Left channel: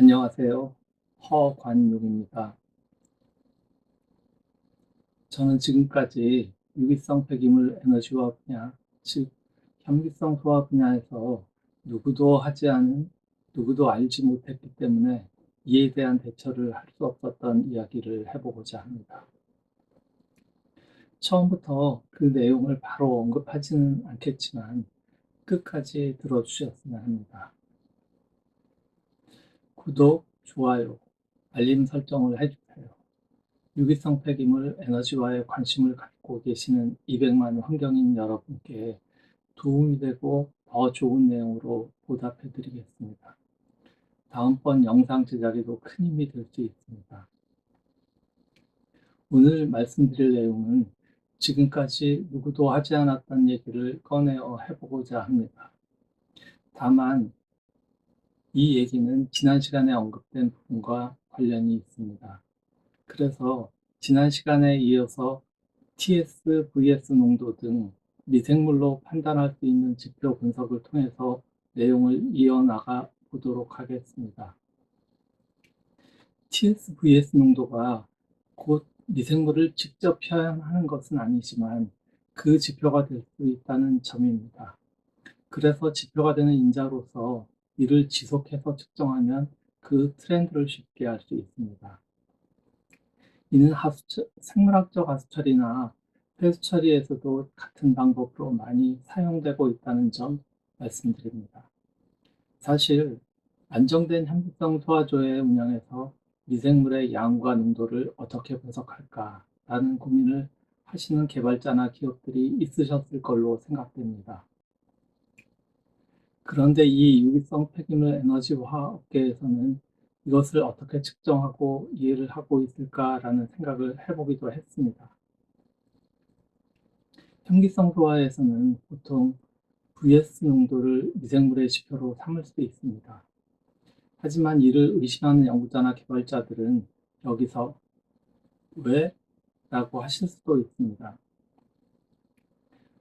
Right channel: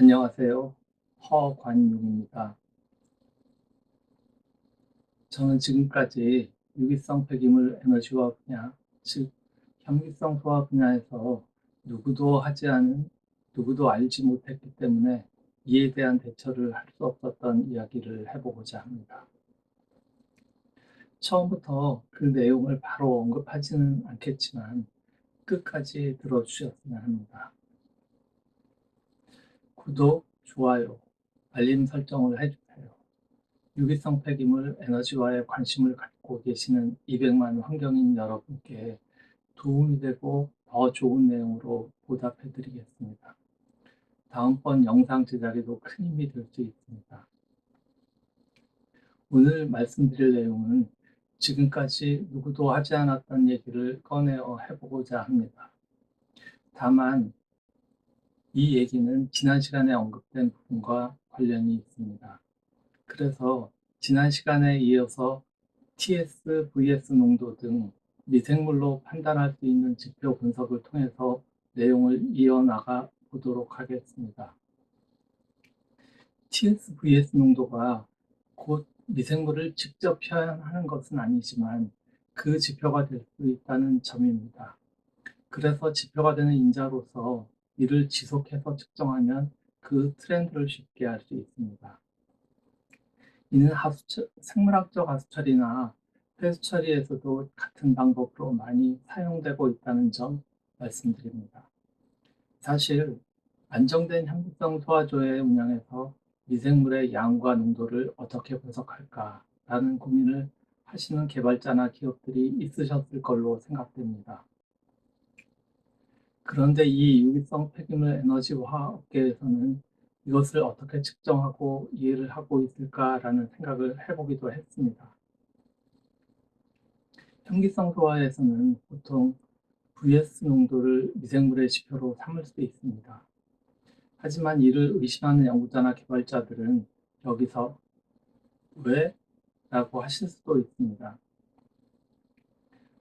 안녕하세요. 허관용입니다. 저는 지금까지 유기성 폐기물 에너지화 분야, 즉 현기성 소화 분야에서 누구도 하지 않은, 누구도 알지 못했기 때문에 이에 대한 대처를 할 수 없었던 이야기를 해보고자 합니다. 처음부터 그 내용을 바로 언급하지는 않겠지만 끝까지 들어주셨으면 합니다. 구독, 좋아요, 알림 설정을 해주세요. 유기성 폐기물 에너지화에 관심을 갖고 계시는 200만 환경인 여러분께 도움이 되고 더 좋은 내용으로 보답해 드리겠습니다. 다음번 영상 제작에도 큰 힘이 될 수 있습니다. 오늘 말씀드릴 내용은 지금까지 누구도 하지 않았던 얘기를 꺼내어 해보고자 합니다. 다만 이 얘기는 지난 시간에 언급된 부분과 관련이 있습니다. 그래서 지난 시간에 이어서 TS, VS 농도 등 미생물로 판단할 수 있는 지표 분석을 통해서 내용을 이어나가 보도록 하겠습니다. TS, VS 농도가 곧 미생물을 직접 표현하는 것은 아니지만 그 지표가 될 수 있다는 점입니다. 그래서 지표가 되는 인자로서 이를 지속해서 측정하면 그 트렌드를 쉽게 알 수 있습니다. 이는 생물학적 하수 처리나 폐수 처리에서도 같은 방법으로 많이 사용되고 있다는 점 말씀드립니다. 사실 안정된 현미성 소화조의 운영에서 미생물의 양과 농도를 어떻게 분석할까라는 고민을 하시는 개발자나 기업들이 있으셨을 걸로 생각됩니다. 그런데 이 유기성 폐기물 에너지화 업계에서는 이것을 어떻게 측정하고 이해를 하고 있을까라는 생각을 해보기도 했습니다. 현기성 소화에서는 보통 VS 농도를 미생물의 지표로 삼을 수 있습니다. 하지만 이를 의심하는 연구자나 개발자들은 여기서 왜? 라고 하실 수도 있습니다.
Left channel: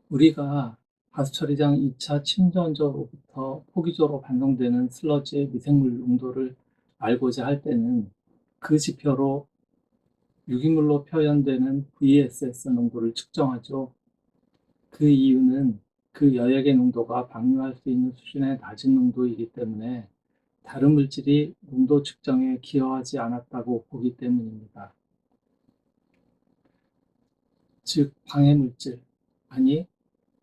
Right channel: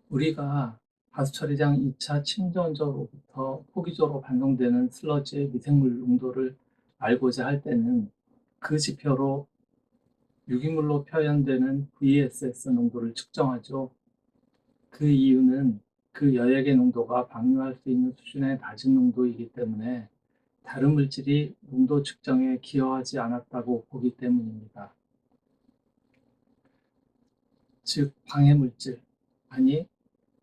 우리가 하수처리장 2차 침전조로부터 포기조로 반송되는 슬러지의 미생물 농도를 알고자 할 때는 그 지표로 유기물로 표현되는 VSS 농도를 측정하죠. 그 이유는 그 여액의 농도가 방류할 수 있는 수준의 낮은 농도이기 때문에 다른 물질이 농도 측정에 기여하지 않았다고 보기 때문입니다. 즉 방해물질, 아니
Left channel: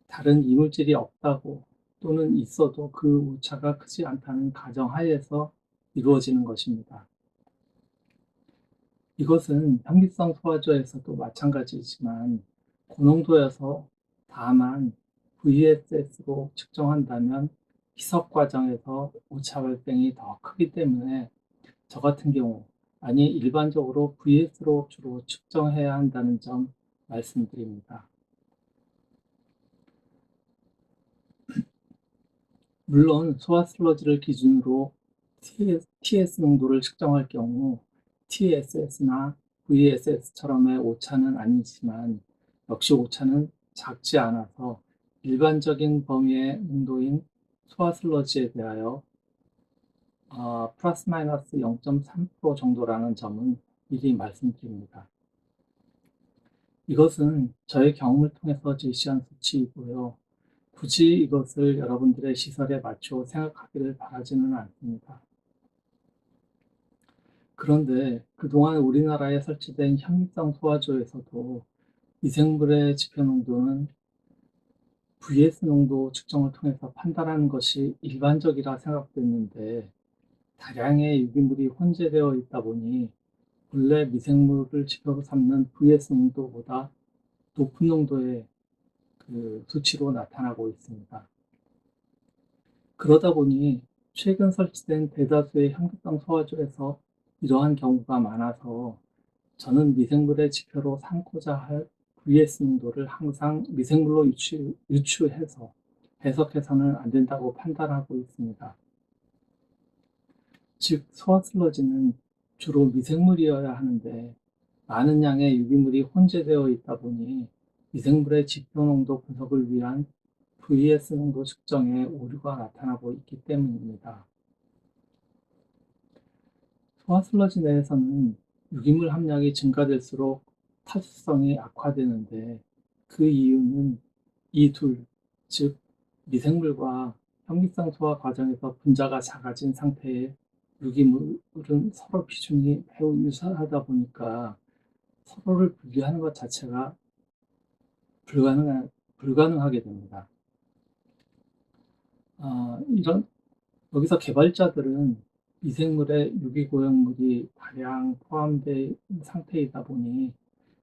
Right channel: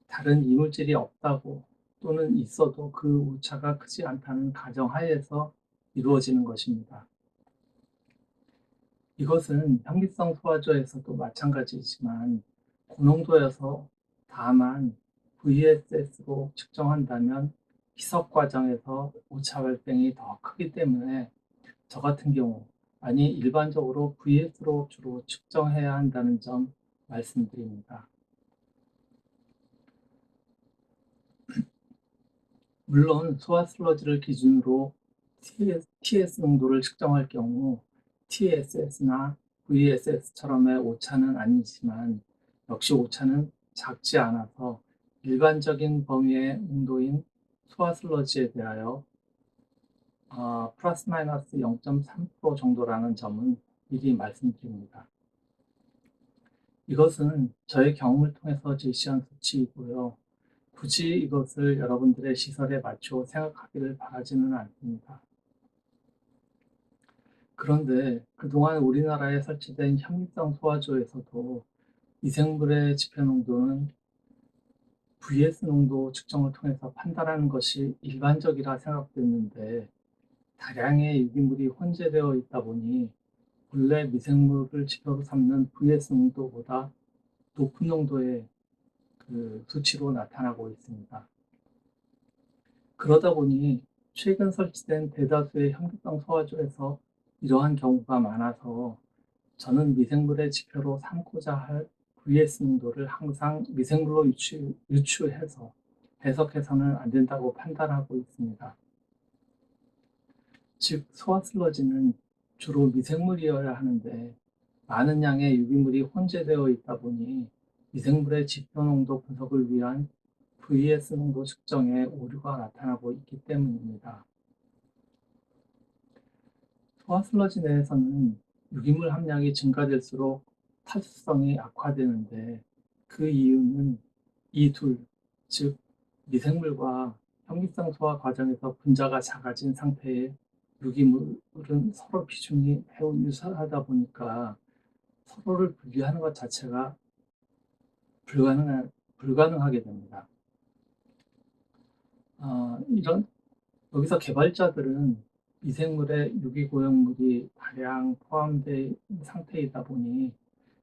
다른 이물질이 없다고 또는 있어도 그 오차가 크지 않다는 가정하에서 이루어지는 것입니다. 이것은 현미성 소화조에서도 마찬가지지만 고농도여서 다만 VSS로 측정한다면 희석 과정에서 오차 발생이 더 크기 때문에 저 같은 경우, 아니 일반적으로 VS로 주로 측정해야 한다는 점 말씀드립니다. 물론 소화 슬러지를 기준으로 TS 농도를 측정할 경우 TSS나 VSS처럼의 오차는 아니지만 역시 오차는 작지 않아서 일반적인 범위의 농도인 소화 슬러지에 대하여 플러스 마이너스 0.3% 정도라는 점은 미리 말씀드립니다. 이것은 저의 경험을 통해서 제시한 수치이고요. 굳이 이것을 여러분들의 시설에 맞춰 생각하기를 바라지는 않습니다. 그런데 그동안 우리나라에 설치된 현미성 소화조에서도 미생물의 지표 농도는 VS 농도 측정을 통해서 판단하는 것이 일반적이라 생각됐는데 다량의 유기물이 혼재되어 있다 보니 본래 미생물을 지표로 삼는 VS 농도보다 높은 농도의 그 수치로 나타나고 있습니다. 그러다 보니 최근 설치된 대다수의 현기성 소화조에서 이러한 경우가 많아서 저는 미생물의 지표로 삼고자 할 VS 농도를 항상 미생물로 유추해서 해석해서는 안 된다고 판단하고 있습니다. 즉, 소화 슬러지는 주로 미생물이어야 하는데 많은 양의 유기물이 혼재되어 있다 보니 미생물의 지표 농도 분석을 위한 VS 농도 측정에 오류가 나타나고 있기 때문입니다. 소화 슬러지 내에서는 유기물 함량이 증가될수록 탈수성이 악화되는데, 그 이유는 이 둘, 즉 미생물과 현미성 소화 과정에서 분자가 작아진 상태의 유기물은 서로 비중이 매우 유사하다 보니까 서로를 분리하는 것 자체가 불가능하게 됩니다. 이런 여기서 개발자들은 미생물의 유기고용물이 다량 포함된 상태이다 보니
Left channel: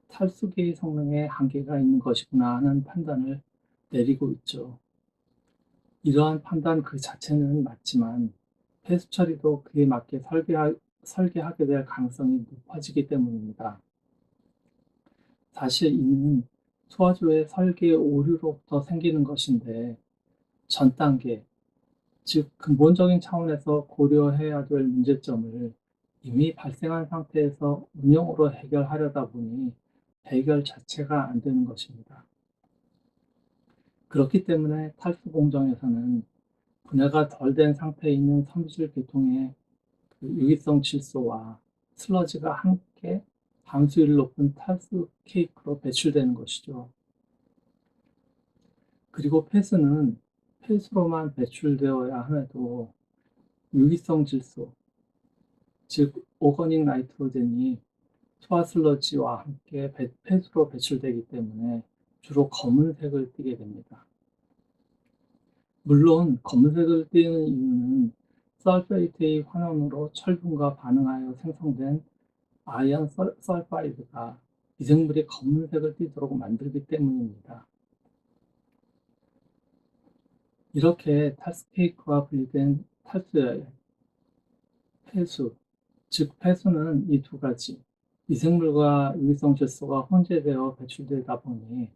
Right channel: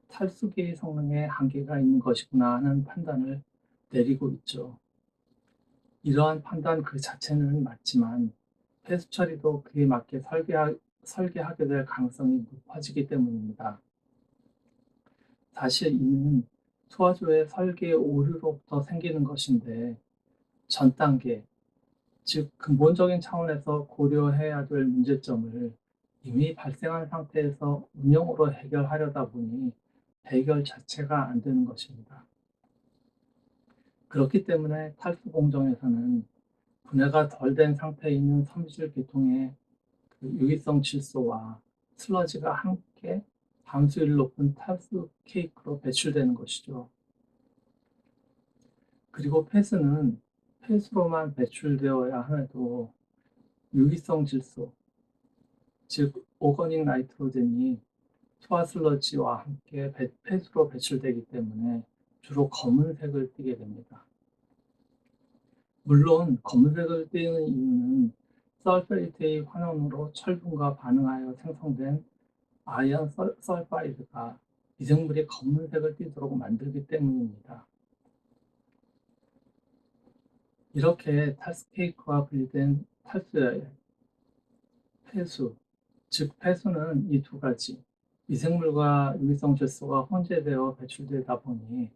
탈수기 성능에 한계가 있는 것이구나 하는 판단을 내리고 있죠. 이러한 판단 그 자체는 맞지만 폐수 처리도 그에 맞게 설계하게 될 가능성이 높아지기 때문입니다. 사실 이는 소화조의 설계 오류로부터 생기는 것인데, 전 단계, 즉 근본적인 차원에서 고려해야 될 문제점을 이미 발생한 상태에서 운영으로 해결하려다 보니 해결 자체가 안 되는 것입니다. 그렇기 때문에 탈수 공정에서는 분해가 덜 된 상태에 있는 섬유질 계통의 그 유기성 질소와 슬러지가 함께 함수율이 높은 탈수 케이크로 배출되는 것이죠. 그리고 폐수는 폐수로만 배출되어야 함에도 유기성 질소, 즉 오거닉 나이트로젠이 소화 슬러지와 함께 폐수로 배출되기 때문에 주로 검은색을 띠게 됩니다. 물론 검은색을 띠는 이유는 설페이트의 환원으로 철분과 반응하여 생성된 아연 설파이드가 미생물이 검은색을 띠도록 만들기 때문입니다. 이렇게 탈수케이크와 분리된 탈수의 폐수, 즉 폐수는 이 두 가지, 미생물과 유기성 질소가 혼재되어 배출되다 보니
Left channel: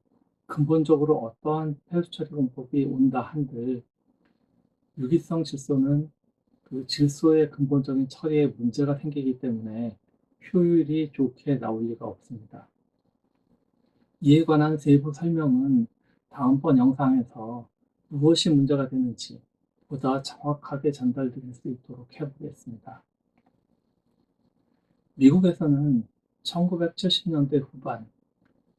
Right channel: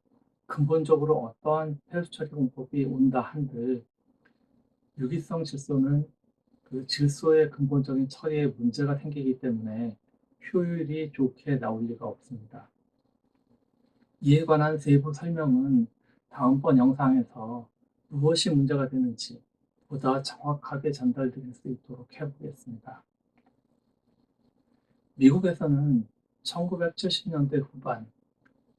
근본적으로 어떠한 폐수 처리 공법이 온다 한들 유기성 질소는 그 질소의 근본적인 처리에 문제가 생기기 때문에 효율이 좋게 나올 리가 없습니다. 이에 관한 세부 설명은 다음번 영상에서 무엇이 문제가 되는지 보다 정확하게 전달드릴 수 있도록 해보겠습니다. 미국에서는 1970년대 후반,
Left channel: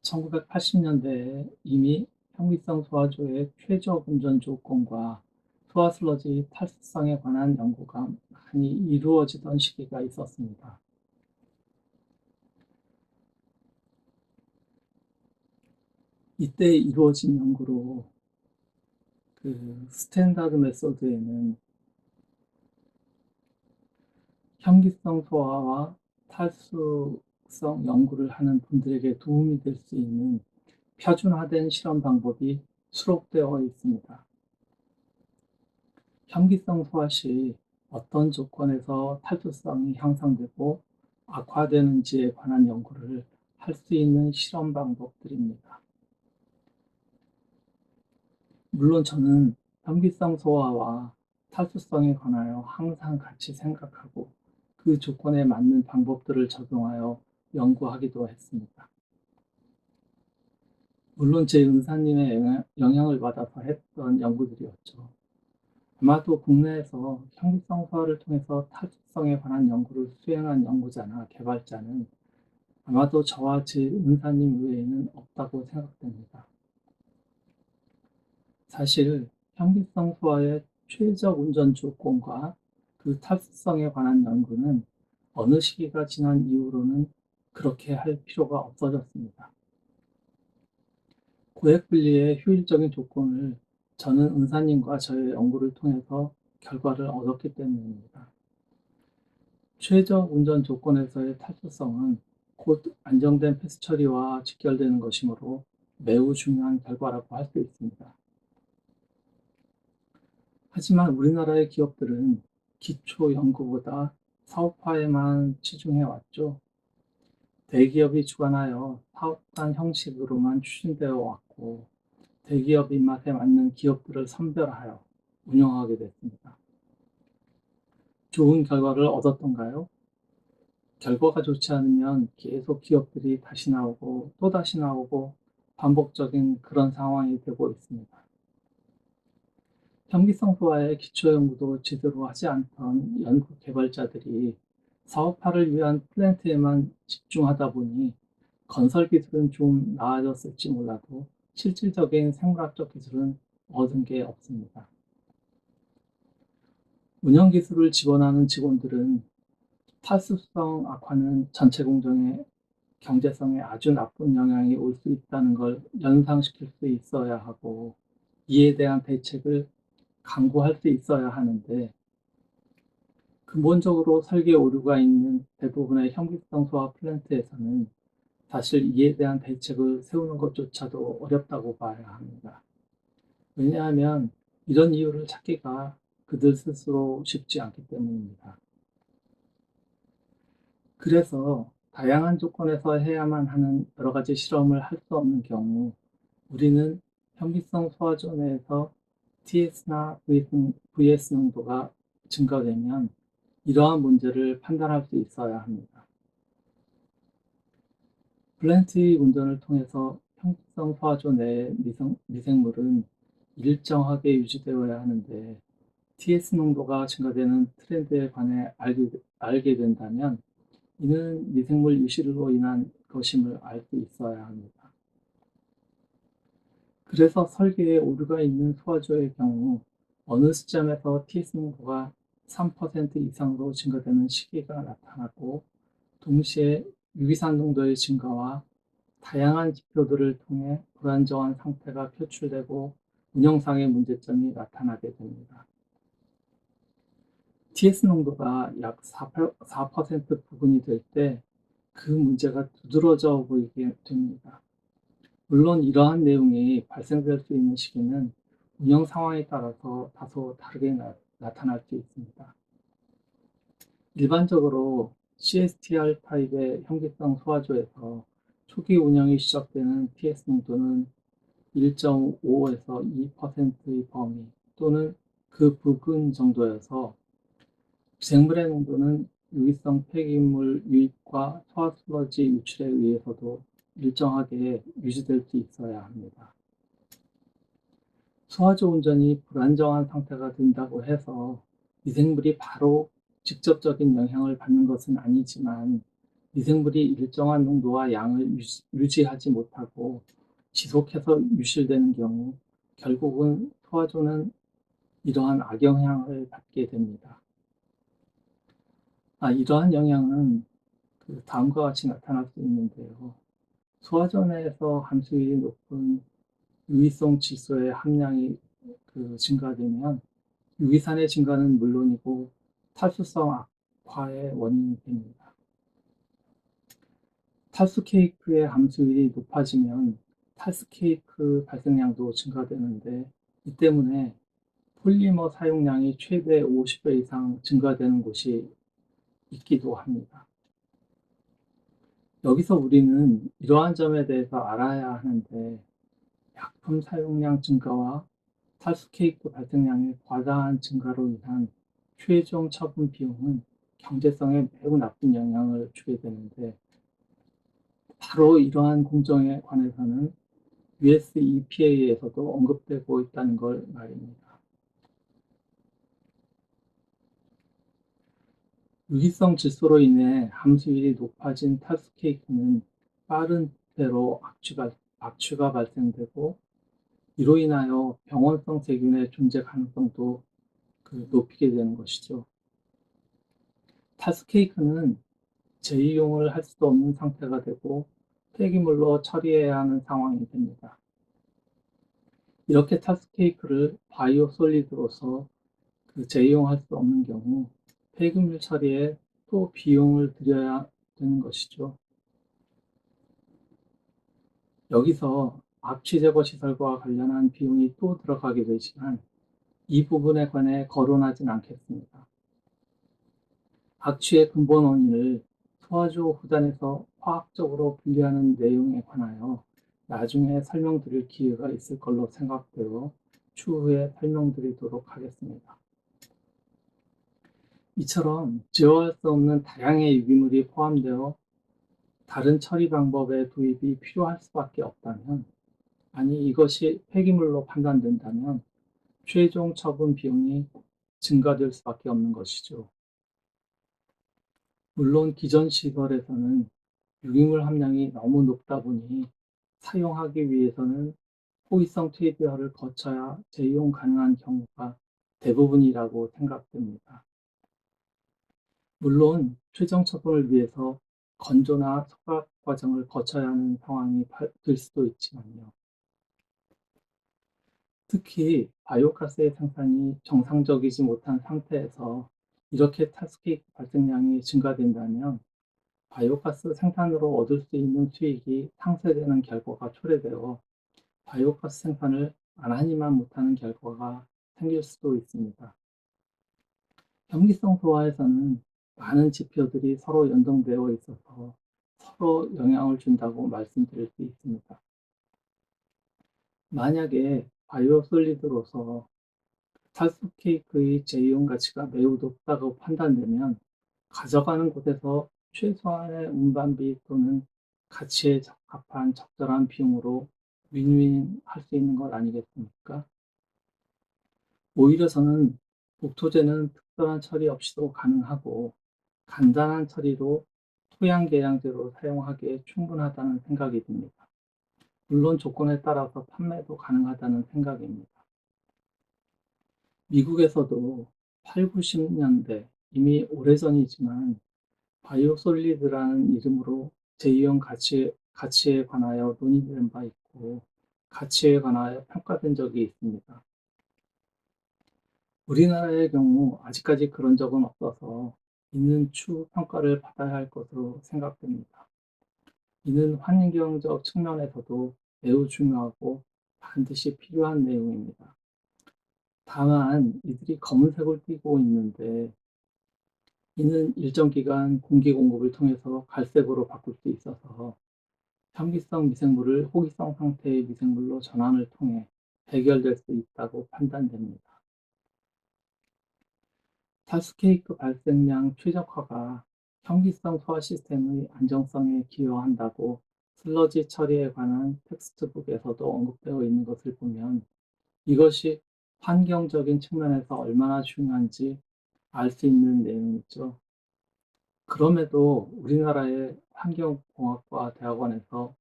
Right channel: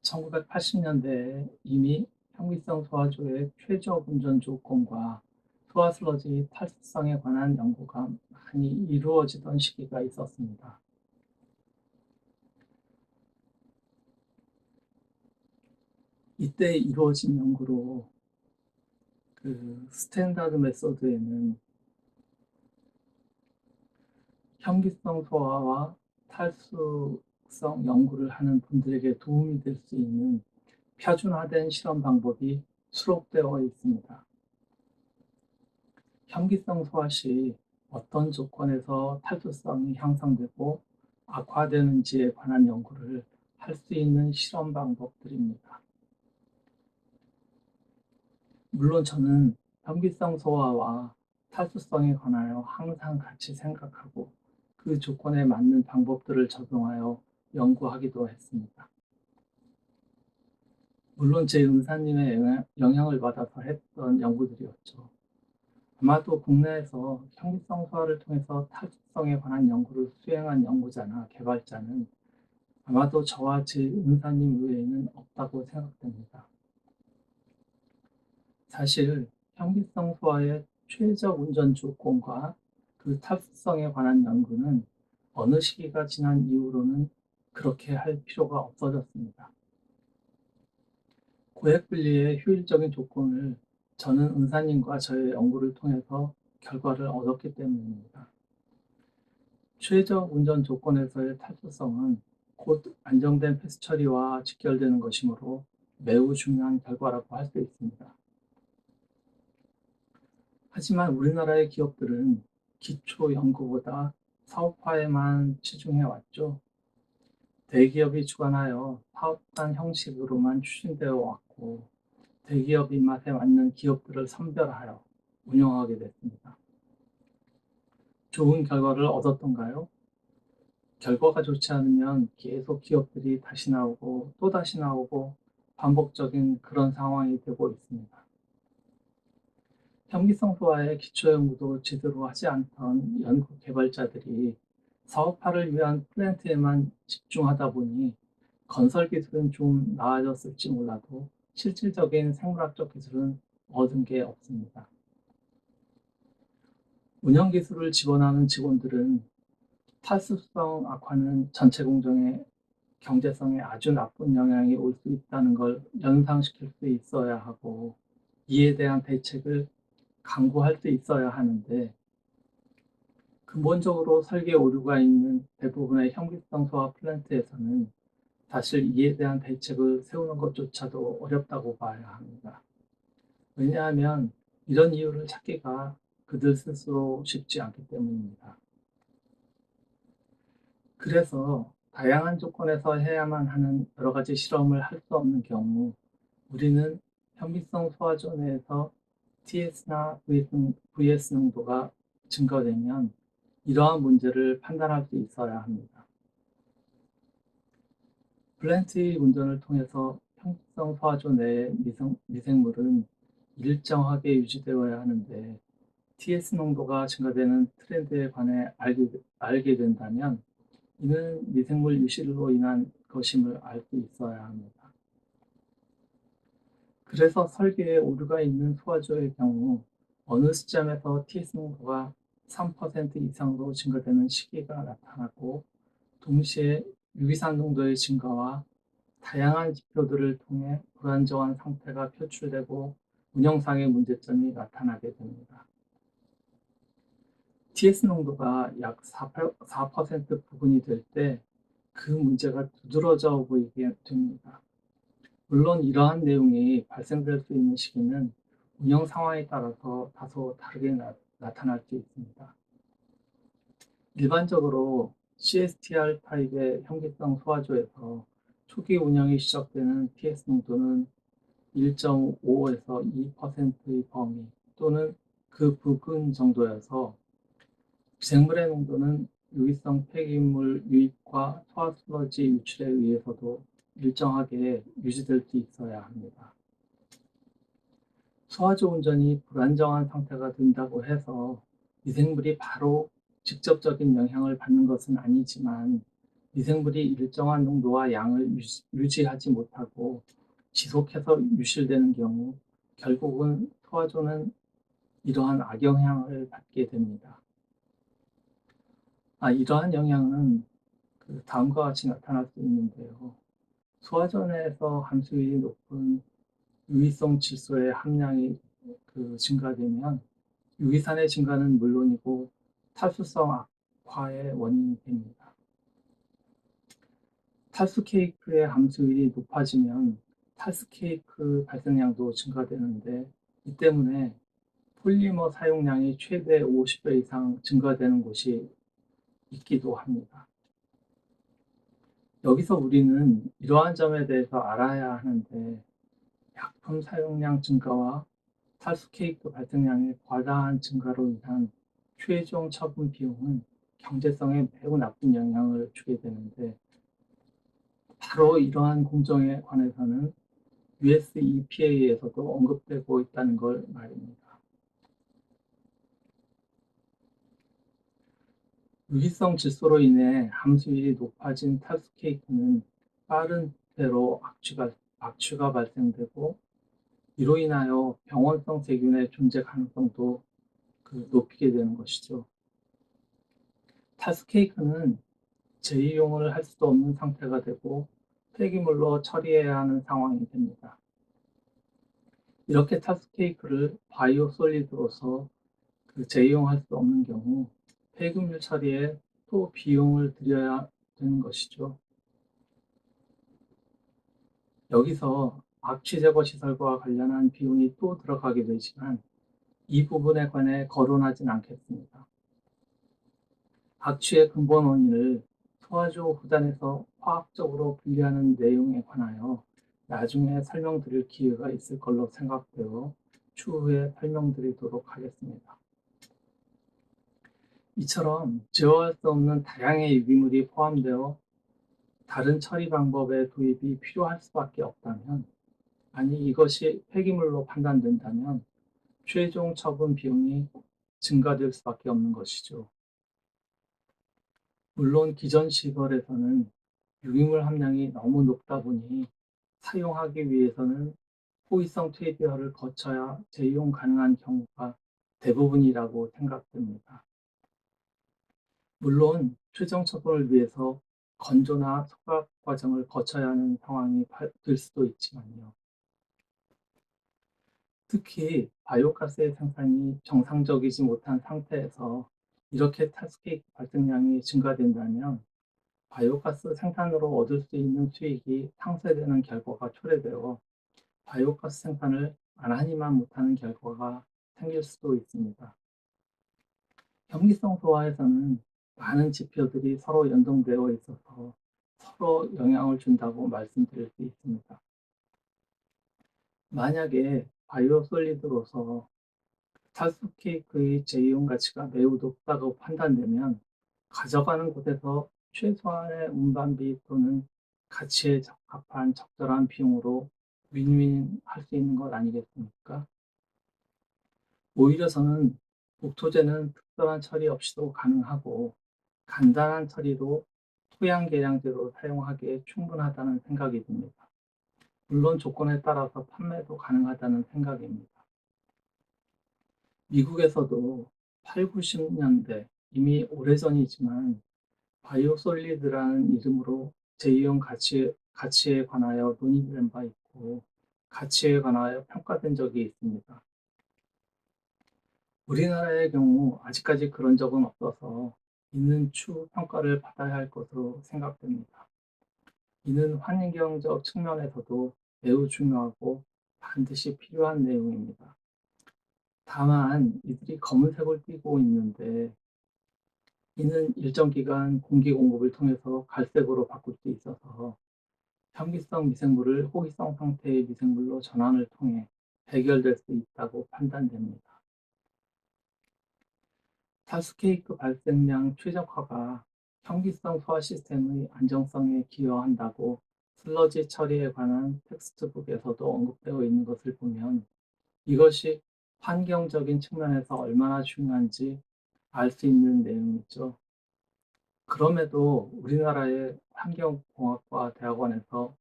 1980년대에 이미 현미성 소화조의 최저 운전 조건과 소화 슬러지 탈수성에 관한 연구가 많이 이루어지던 시기가 있었습니다. 이때 이루어진 연구로 그 스탠다드 메소드에는 현기성 소화와 탈수성 연구를 하는 분들에게 도움이 될 수 있는 표준화된 실험 방법이 수록되어 있습니다. 현기성 소화 시 어떤 조건에서 탈수성이 향상되고 악화되는지에 관한 연구를 할 수 있는 실험 방법들입니다. 물론 저는 현기성 소화와 탈수성에 관하여 항상 같이 생각하고 그 조건에 맞는 방법들을 적용하여 연구하기도 했습니다. 물론 제 은사님의 영향을 받아서 했던 연구들이었죠. 아마도 국내에서 현기성 소화를 통해서 탈수성에 관한 연구를 수행한 연구자나 개발자는 아마도 저와 제 은사님 외에는 없다고 생각됩니다. 사실 현기성 소화의 최저 운전 조건과 그 탈수성에 관한 연구는 어느 시기가 지난 이후로는 그렇게 할 필요가 없어졌습니다. 고액 분리의 효율적인 조건을 저는 은사님과 저의 연구를 통해서 결과를 얻었기 때문입니다. 최저 운전 조건에서의 탈수성은 곧 안정된 폐수 처리와 직결되는 것이므로 매우 중요한 결과라고 할 수 있습니다. 하지만 우리나라의 기업들은 기초 연구보다 사업화에만 치중해 왔죠. 대기업이 주관하여 사업단 형식으로만 추진되어 왔고, 대기업 입맛에 맞는 기업들을 선별하여 운영하게 됐습니다. 좋은 결과를 얻었던가요? 결과가 좋지 않으면 계속 기업들이 다시 나오고 또 다시 나오고 반복적인 그런 상황이 되고 있습니다. 현기성 소화의 기초 연구도 제대로 하지 않던 연구 개발자들이 사업화를 위한 플랜트에만 집중하다 보니 건설 기술은 좀 나아졌을지 몰라도 실질적인 생물학적 기술은 얻은 게 없습니다. 운영 기술을 지원하는 직원들은 탈수성 악화는 전체 공정의 경제성에 아주 나쁜 영향이 올 수 있다는 걸 연상시킬 수 있어야 하고, 이에 대한 대책을 강구할 수 있어야 하는데, 근본적으로 설계 오류가 있는 대부분의 현기성 소화 플랜트에서는 사실 이에 대한 대책을 세우는 것조차도 어렵다고 봐야 합니다. 왜냐하면 이런 이유를 찾기가 그들 스스로 쉽지 않기 때문입니다. 그래서 다양한 조건에서 해야만 하는 여러 가지 실험을 할 수 없는 경우 우리는 현미성 소화조 내에서 TS나 VS 농도가 증가되면 이러한 문제를 판단할 수 있어야 합니다. 플랜트의 운전을 통해서 현미성 소화조 내의 미생물은 일정하게 유지되어야 하는데 TS 농도가 증가되는 트렌드에 관해 알게 된다면 이는 미생물 유실로 인한 것임을 알 수 있어야 합니다. 그래서 설계에 오류가 있는 소화조의 경우 어느 시점에서 TS 농도가 3% 이상으로 증가되는 시기가 나타나고 동시에 유기산 농도의 증가와 다양한 지표들을 통해 불안정한 상태가 표출되고 운영상의 문제점이 나타나게 됩니다. TS 농도가 약 4% 부근이 될 때 그 문제가 두드러져 보이게 됩니다. 물론 이러한 내용이 발생될 수 있는 시기는 운영 상황에 따라서 다소 다르게 나타날 수 있습니다. 일반적으로 CSTR 타입의 현기성 소화조에서 초기 운영이 시작되는 TS 농도는 1.5에서 2%의 범위 또는 그 부근 정도여서 미생물의 농도는 유기성 폐기물 유입과 소화 슬러지 유출에 의해서도 일정하게 유지될 수 있어야 합니다. 소화조 운전이 불안정한 상태가 된다고 해서 미생물이 바로 직접적인 영향을 받는 것은 아니지만 미생물이 일정한 농도와 양을 유지하지 못하고 지속해서 유실되는 경우 결국은 소화조는 이러한 악영향을 받게 됩니다. 이러한 영향은 다음과 같이 나타날 수 있는데요. 소화조 내에서 함수율이 높은 유기성 질소의 함량이 증가되면 유기산의 증가는 물론이고 탈수성 악화의 원인이 됩니다. 탈수 케이크의 함수율이 높아지면 탈수 케이크 발생량도 증가되는데 이 때문에 폴리머 사용량이 최대 50배 이상 증가되는 곳이 있기도 합니다. 여기서 우리는 이러한 점에 대해서 알아야 하는데 약품 사용량 증가와 탈수 케이크 발생량의 과다한 증가로 인한 최종 처분 비용은 경제성에 매우 나쁜 영향을 주게 되는데 바로 이러한 공정에 관해서는 US EPA에서도 언급되고 있다는 걸 말입니다. 유기성 질소로 인해 함수율이 높아진 탈수 케이크는 빠른 때로 악취가 발생되고 이로 인하여 병원성 세균의 존재 가능성도 높이게 되는 것이죠. 탈수 케이크는 재이용을 할 수도 없는 상태가 되고 폐기물로 처리해야 하는 상황이 됩니다. 이렇게 탈수 케이크를 바이오 솔리드로서 재이용할 수 없는 경우 폐기물 처리에 또 비용을 들여야 되는 것이죠. 여기서 악취 제거 시설과 관련한 비용이 또 들어가게 되지만 이 부분에 관해 거론하진 않겠습니다. 악취의 근본 원인을 소화조 후단에서 화학적으로 분리하는 내용에 관하여 나중에 설명드릴 기회가 있을 걸로 생각되어 추후에 설명드리도록 하겠습니다. 이처럼 제어할 수 없는 다양의 유기물이 포함되어 다른 처리 방법의 도입이 필요할 수밖에 없다면, 아니 이것이 폐기물로 판단된다면 최종 처분 비용이 증가될 수밖에 없는 것이죠. 물론 기존 시설에서는 유기물 함량이 너무 높다 보니 사용하기 위해서는 호기성 퇴비화를 거쳐야 재이용 가능한 경우가 대부분이라고 생각됩니다. 물론 최종 처분을 위해서 건조나 소각 과정을 거쳐야 하는 상황이 될 수도 있지만요. 특히 바이오가스의 생산이 정상적이지 못한 상태에서 이렇게 탈수기 발생량이 증가된다면 바이오가스 생산으로 얻을 수 있는 수익이 상쇄되는 결과가 초래되어 바이오가스 생산을 안 하니만 못하는 결과가 생길 수도 있습니다. 현기성 소화에서는 많은 지표들이 서로 연동되어 있어서 서로 영향을 준다고 말씀드릴 수 있습니다. 만약에 바이오솔리드로서 탈수 케이크의 제이용 가치가 매우 높다고 판단되면 가져가는 곳에서 최소한의 운반비 또는 가치에 적합한 적절한 비용으로 윈윈할 수 있는 것 아니겠습니까? 오히려 저는 목토제는 특별한 처리 없이도 가능하고 간단한 처리로 토양 계량제로 사용하기에 충분하다는 생각이 듭니다. 물론 조건에 따라서 판매도 가능하다는 생각입니다. 미국에서도 8, 90년대 이미 오래전이지만 바이오솔리드라는 이름으로 제이용 가치에 관하여 논의된 바 있고 가치에 관하여 평가된 적이 있습니다. 우리나라의 경우 아직까지 그런 적은 없어서 있는 추후 평가를 받아야 할 것으로 생각됩니다. 이는 환경적 측면에서도 매우 중요하고 반드시 필요한 내용입니다. 다만 이들이 검은색을 띠고 있는데 이는 일정 기간 공기 공급을 통해서 갈색으로 바꿀 수 있어서 현기성 미생물을 호기성 상태의 미생물로 전환을 통해 해결될 수 있다고 판단됩니다. 탈수케이크 발생량 최적화가 현기성 소화 시스템의 안정성에 기여한다고 슬러지 처리에 관한 텍스트북에서도 언급되어 있는 것을 보면 이것이 환경적인 측면에서 얼마나 중요한지 알 수 있는 내용이죠. 그럼에도 우리나라의 환경공학과 대학원에서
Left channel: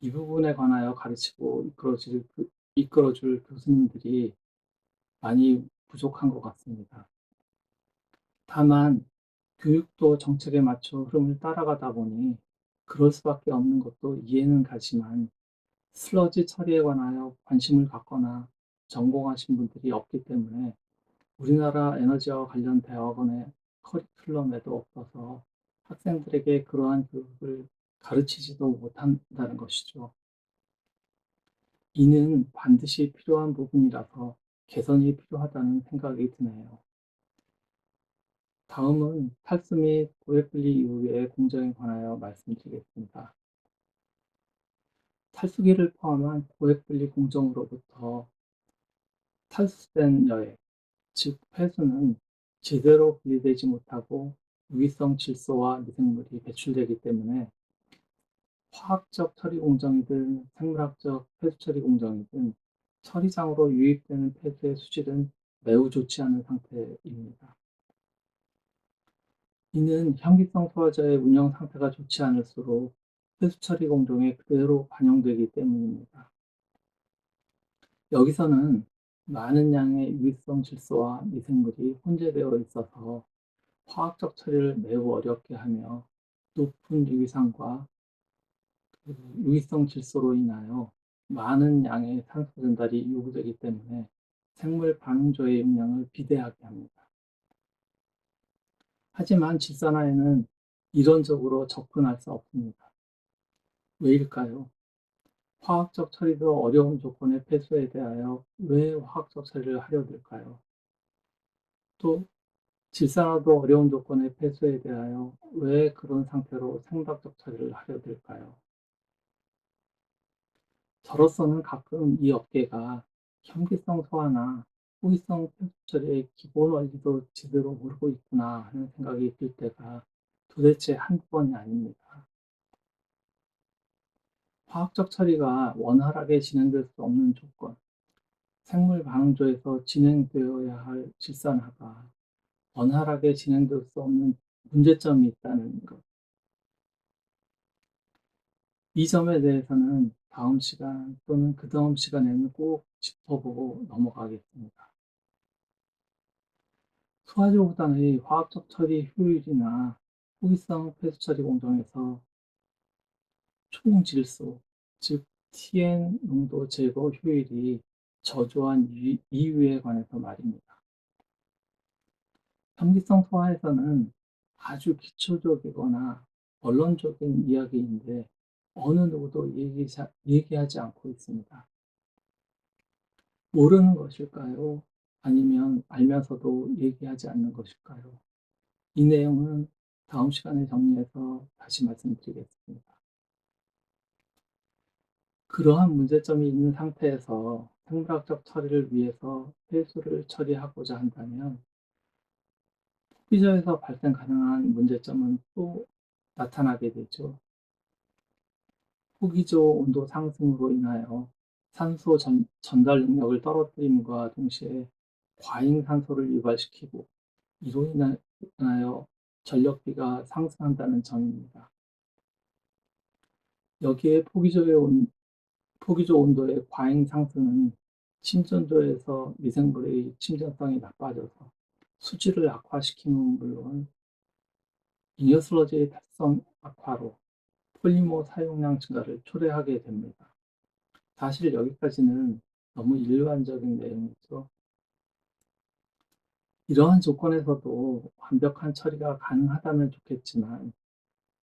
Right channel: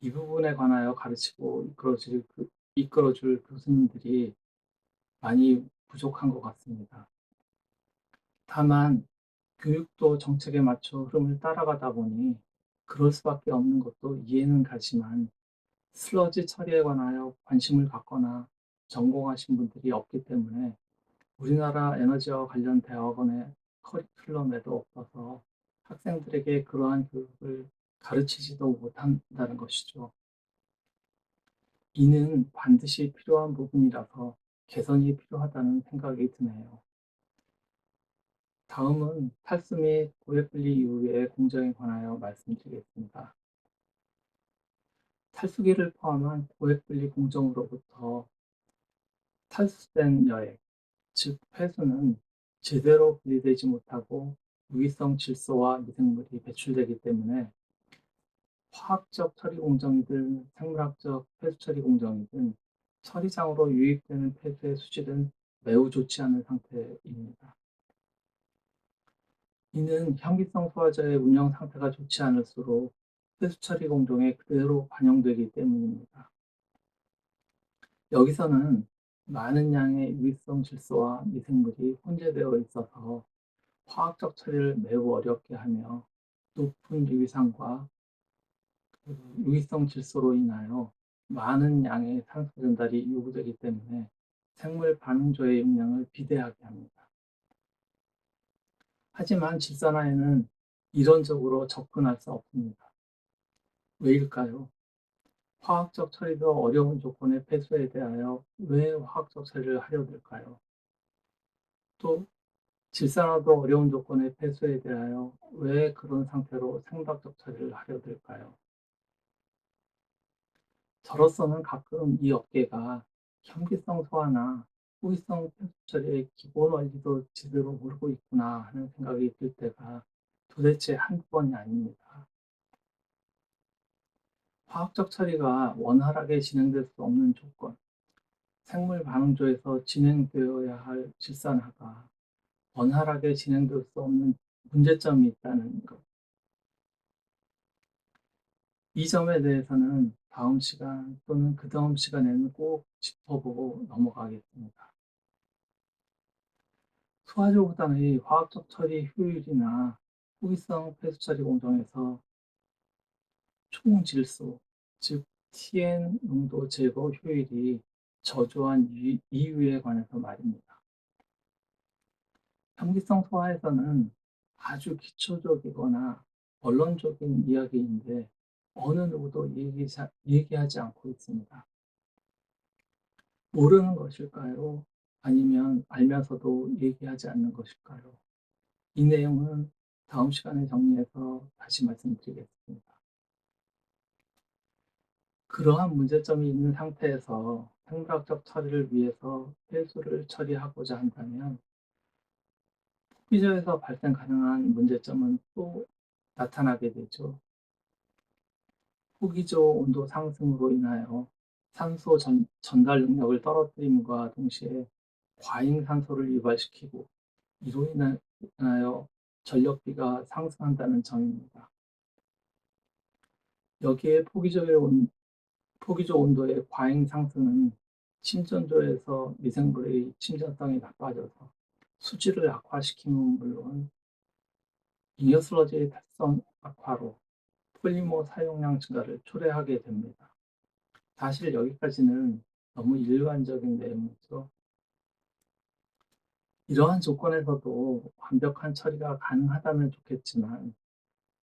이 부분에 관하여 가르치고 이끌어줄 교수님들이 많이 부족한 것 같습니다. 다만 교육도 정책에 맞춰 흐름을 따라가다 보니 그럴 수밖에 없는 것도 이해는 가지만 슬러지 처리에 관하여 관심을 갖거나 전공하신 분들이 없기 때문에 우리나라 에너지와 관련 대학원의 커리큘럼에도 없어서 학생들에게 그러한 교육을 가르치지도 못한다는 것이죠. 이는 반드시 필요한 부분이라서 개선이 필요하다는 생각이 드네요. 다음은 탈수 및 고액분리 이후의 공정에 관하여 말씀드리겠습니다. 탈수기를 포함한 고액분리 공정으로부터 탈수된 여액, 즉 폐수는 제대로 분리되지 못하고 유기성 질소와 미생물이 배출되기 때문에 화학적 처리 공정이든 생물학적 폐수 처리 공정이든 처리장으로 유입되는 폐수의 수질은 매우 좋지 않은 상태입니다. 이는 현기성 소화자의 운영 상태가 좋지 않을수록 폐수 처리 공정에 그대로 반영되기 때문입니다. 여기서는 많은 양의 유기성 질소와 미생물이 혼재되어 있어서 화학적 처리를 매우 어렵게 하며 높은 유기산과 유기성 질소로 인하여 많은 양의 산소 전달이 요구되기 때문에 생물 반응조의 용량을 비대하게 합니다. 하지만 질산화에는 이론적으로 접근할 수 없습니다. 왜일까요? 화학적 처리도 어려운 조건의 폐수에 대하여 왜 화학적 처리를 하려 들까요? 또 질산화도 어려운 조건의 폐수에 대하여 왜 그런 상태로 생물학적 처리를 하려 들까요? 저로서는 가끔 이 업계가 현기성 소화나 호기성 폐수 처리의 기본 원리도 제대로 모르고 있구나 하는 생각이 들 때가 도대체 한두 번이 아닙니다. 화학적 처리가 원활하게 진행될 수 없는 조건, 생물 반응조에서 진행되어야 할 질산화가 원활하게 진행될 수 없는 문제점이 있다는 것. 이 점에 대해서는 다음 시간 또는 그다음 시간에는 꼭 짚어보고 넘어가겠습니다. 소화제보다의 화학적 처리 효율이나 호기성 폐수 처리 공정에서 총 질소, 즉 TN 농도 제거 효율이 저조한 이유에 관해서 말입니다. 현기성 소화에서는 아주 기초적이거나 원론적인 이야기인데 어느 누구도 얘기하지 않고 있습니다. 모르는 것일까요? 아니면 알면서도 얘기하지 않는 것일까요? 이 내용은 다음 시간에 정리해서 다시 말씀드리겠습니다. 그러한 문제점이 있는 상태에서 생물학적 처리를 위해서 폐수를 처리하고자 한다면 소비자에서 발생 가능한 문제점은 또 나타나게 되죠. 호기조 온도 상승으로 인하여 산소 전달 능력을 떨어뜨림과 동시에 과잉 산소를 유발시키고 이로 인하여 전력비가 상승한다는 점입니다. 여기에 포기조 온도의 과잉 상승은 침전조에서 미생물의 침전성이 나빠져서 수질을 악화시키는 물론 잉여 슬러지의 탈성 악화로 폴리머 사용량 증가를 초래하게 됩니다. 사실 여기까지는 너무 일반적인 내용이죠. 이러한 조건에서도 완벽한 처리가 가능하다면 좋겠지만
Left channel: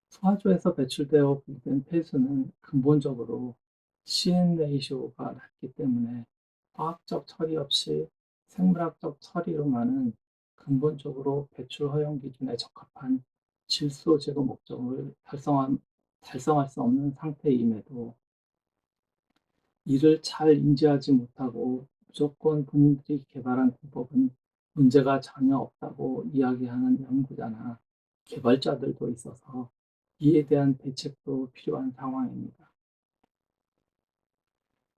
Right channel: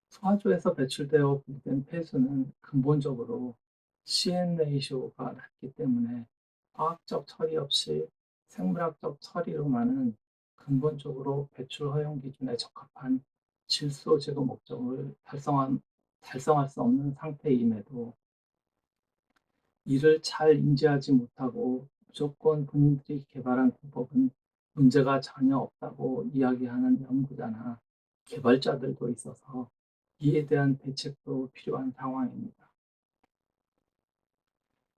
소화조에서 배출되어 분리된 폐수는 근본적으로 CN 레이쇼가 낮기 때문에 화학적 처리 없이 생물학적 처리로만은 근본적으로 배출 허용 기준에 적합한 질소 제거 목적을 달성할 수 없는 상태임에도 이를 잘 인지하지 못하고 무조건 본인들이 개발한 공법은 문제가 전혀 없다고 이야기하는 연구자나 개발자들도 있어서 이에 대한 대책도 필요한 상황입니다.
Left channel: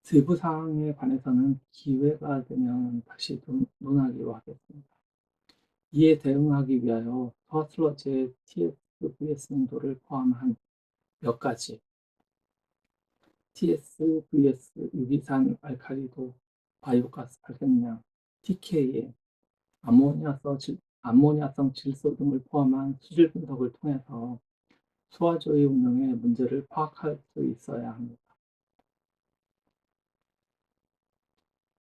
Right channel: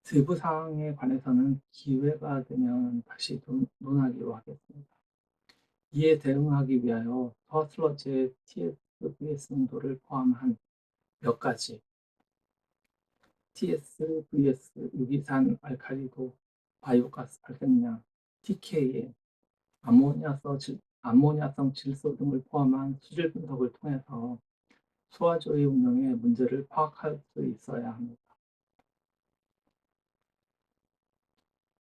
세부 사항에 관해서는 기회가 되면 다시 논하기로 하겠습니다. 이에 대응하기 위하여 서슬러지의 TSVS 농도를 포함한 몇 가지 TSVS 유기산 알칼리도 바이오가스 발생량 TK에 암모니아성 질소 등을 포함한 수질 분석을 통해서 소화조의 운영의 문제를 파악할 수 있어야 합니다.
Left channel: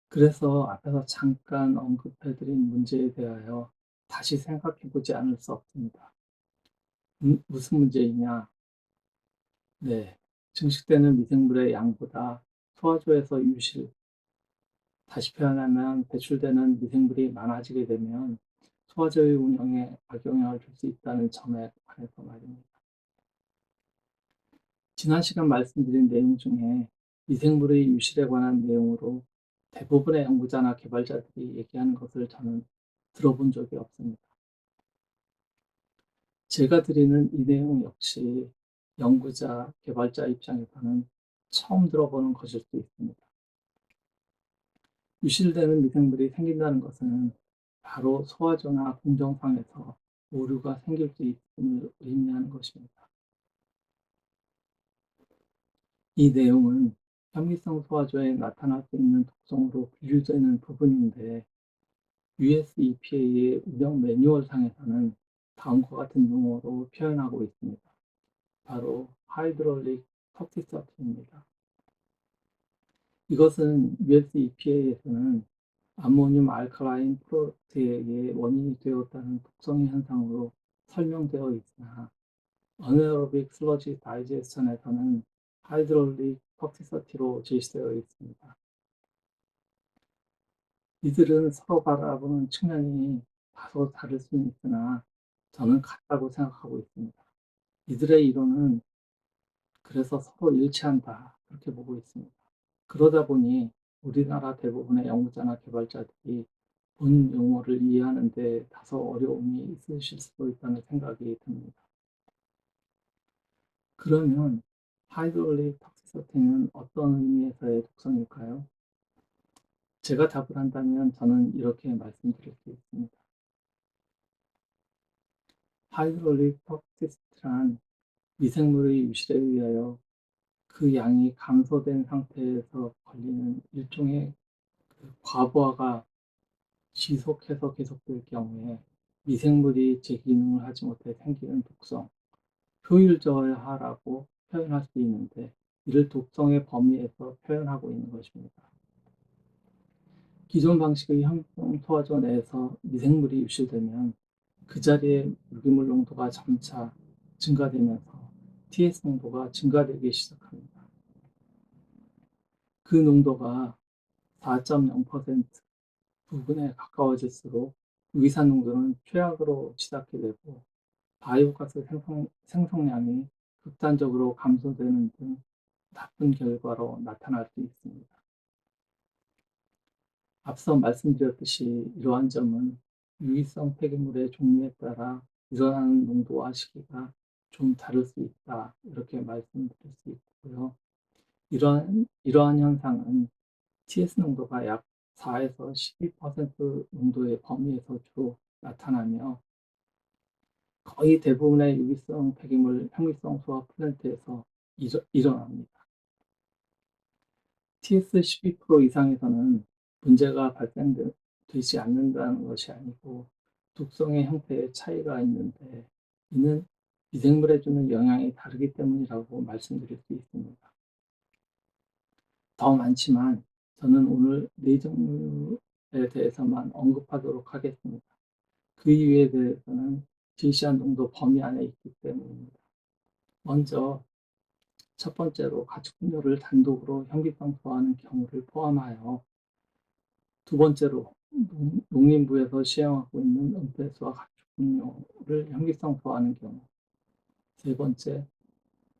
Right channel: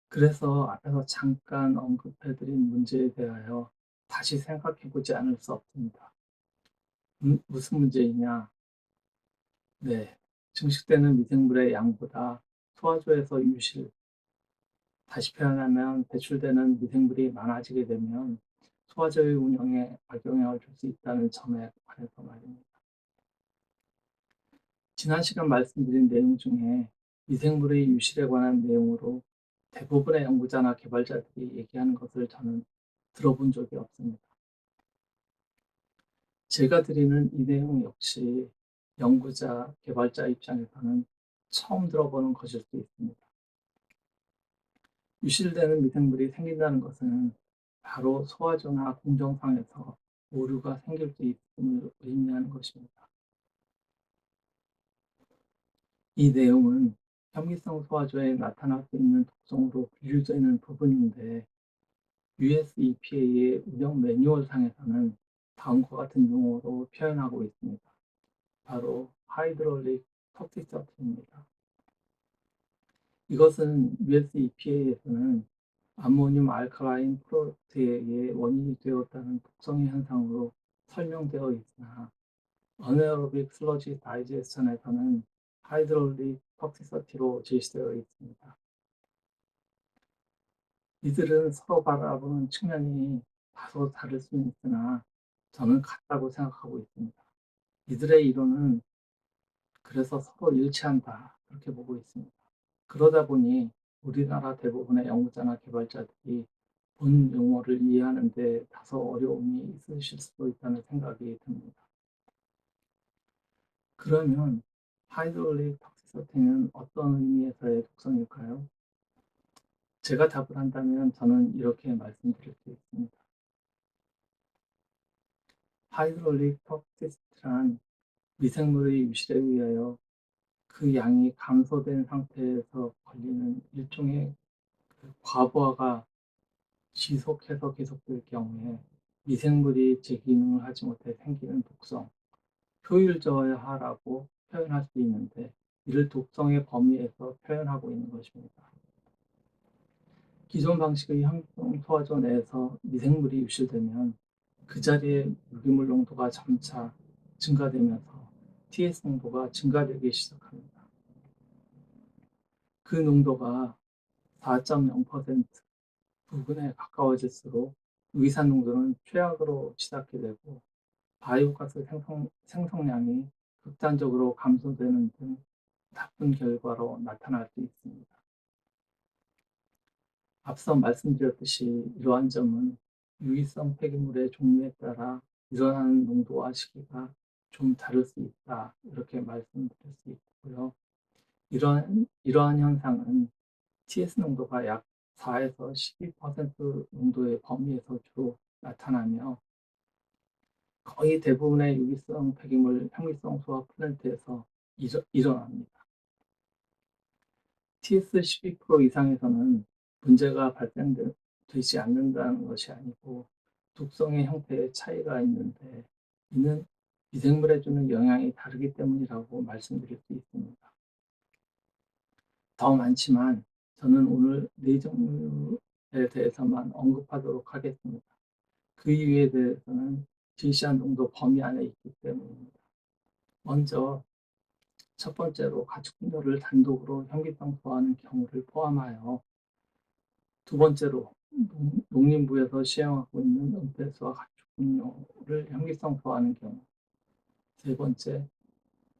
그래서 앞에서 잠깐 언급해드린 문제에 대하여 다시 생각해보지 않을 수 없습니다. 무슨 문제이냐? 네, 증식되는 미생물의 양보다 소화조에서 다시 표현하면 배출되는 미생물이 많아지게 되면 소화조의 운영에 악영향을 줄 수 있다는 점에 관해서 말입니다. 지난 시간 말씀드린 내용 중에 미생물의 유실에 관한 내용으로 대부분의 연구자나 개발자들이 얘기하는 것을 저는 들어본 적이 없습니다. 제가 드리는 이 내용 역시 연구자, 개발자 입장에서는 처음 들어보는 것일 수 있습니다. 유실되는 미생물이 생긴다는 것은 바로 소화조나 공정상에서 오류가 생길 수 있음을 의미하는 것입니다. 이 내용은 현미성 소화조에 나타날 수 있는 독성으로 분류되는 부분인데 US EPA의 운영 매뉴얼상에서는 다음과 같은 용어로 표현하고 있습니다. 바로 하이드롤릭 톡시서티입니다. 이것은 US EPA에서는 암모늄 알칼라인 프로덕트에 의해 원인이 되었다는 독성의 현상으로 설명되어 있으나 어네어로빅 슬러지 다이제스션에서는 하이드롤릭 톡시서티로 제시되어 있습니다. 이들은 서로 바라보는 측면이 다소 다를 수는 있으나 저는 같다고 생각하고 있습니다. 이들의 이론은 그래서 서로 일치한다 그렇게 보고 있습니다. 그러다 보니 우리나라 대부분의 연구자나 개발자들이 본 용어를 이해하는 데 다소 어려움이 있으실 수도 있다는 생각이 듭니다. 그러면 하이드롤릭 톡시서티는 어떤 의미에서의 독성일까요? 제가 답을 한다면 저는 이렇게 말씀드릴 수 있습니다. 하이드롤릭 톡시스트란 미생물의 유실에 의하여 그 양이 감소된 상태에서 걸리는 일종의 과부하가 지속해서 계속될 경우에 미생물이 제 기능을 하지 못해 생기는 독성, 효율저하라고 표현할 수 있는데, 이를 독성의 범위에서 표현하고 있는 것입니다. 기존 방식의 향성 소화조 내에서 미생물이 유실되면 그 자리에 유기물 농도가 점차 증가되면서 TS 농도가 증가되기 시작합니다. 그 농도가 4.0% 부근에 가까워질수록 유기산 농도는 최악으로 치닫게 되고 바이오가스 생성량이 극단적으로 감소되는 등 나쁜 결과로 나타날 수 있습니다. 앞서 말씀드렸듯이 이러한 점은 유기성 폐기물의 종류에 따라 일어나는 농도와 시기가 좀 다를 수 있다, 이렇게 말씀드릴 수 있고요. 이러한 현상은 TS 농도가 약 4에서 12% 농도의 범위에서 주로 나타나며 거의 대부분의 유기성 폐기물 향유성 소화 플랜트에서 일어납니다. TS 12% 이상에서는 문제가 발생되지 않는다는 것이 아니고 독성의 형태에 차이가 있는데, 이는 미생물에 주는 영향이 다르기 때문이라고 말씀드릴 수 있습니다. 더 많지만 저는 오늘 네 종류에 대해서만 언급하도록 하겠습니다. 그 이유에 대해서는 제시한 농도 범위 안에 있기 때문입니다. 먼저 첫 번째로 가축 분뇨를 단독으로 현기성 소화하는 경우를 포함하여, 두 번째로 농림부에서 시행하고 있는 은폐수와 가축 분뇨를 현기성 소화하는 경우, 세 번째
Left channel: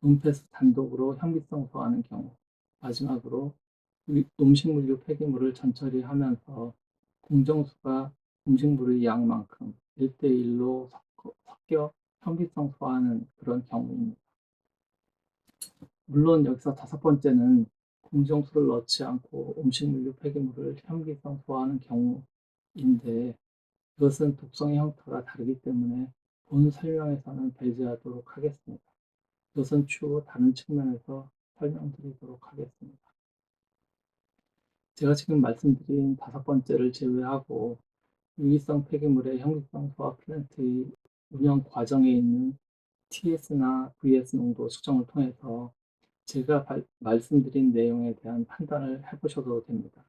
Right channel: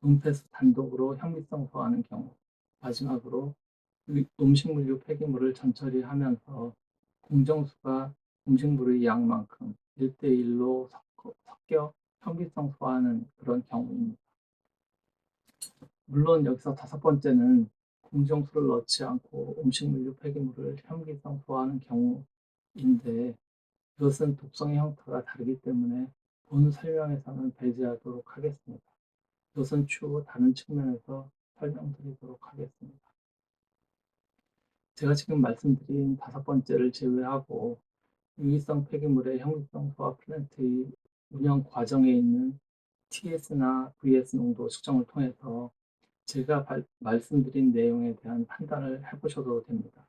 은폐수 단독으로 현기성 소화하는 경우, 마지막으로 음식물류 폐기물을 전처리하면서 공정수가 음식물의 양만큼 1대1로 섞여 현기성 소화하는 그런 경우입니다. 물론 여기서 다섯 번째는 공정수를 넣지 않고 음식물류 폐기물을 현기성 소화하는 경우인데, 이것은 독성의 형태가 다르기 때문에 본 설명에서는 배제하도록 하겠습니다. 이것은 추후 다른 측면에서 설명드리도록 하겠습니다. 제가 지금 말씀드린 다섯 번째를 제외하고 유기성 폐기물의 현기성 소화 플랜트의 운영 과정에 있는 TS나 VS 농도 측정을 통해서 제가 말씀드린 내용에 대한 판단을 해보셔도 됩니다.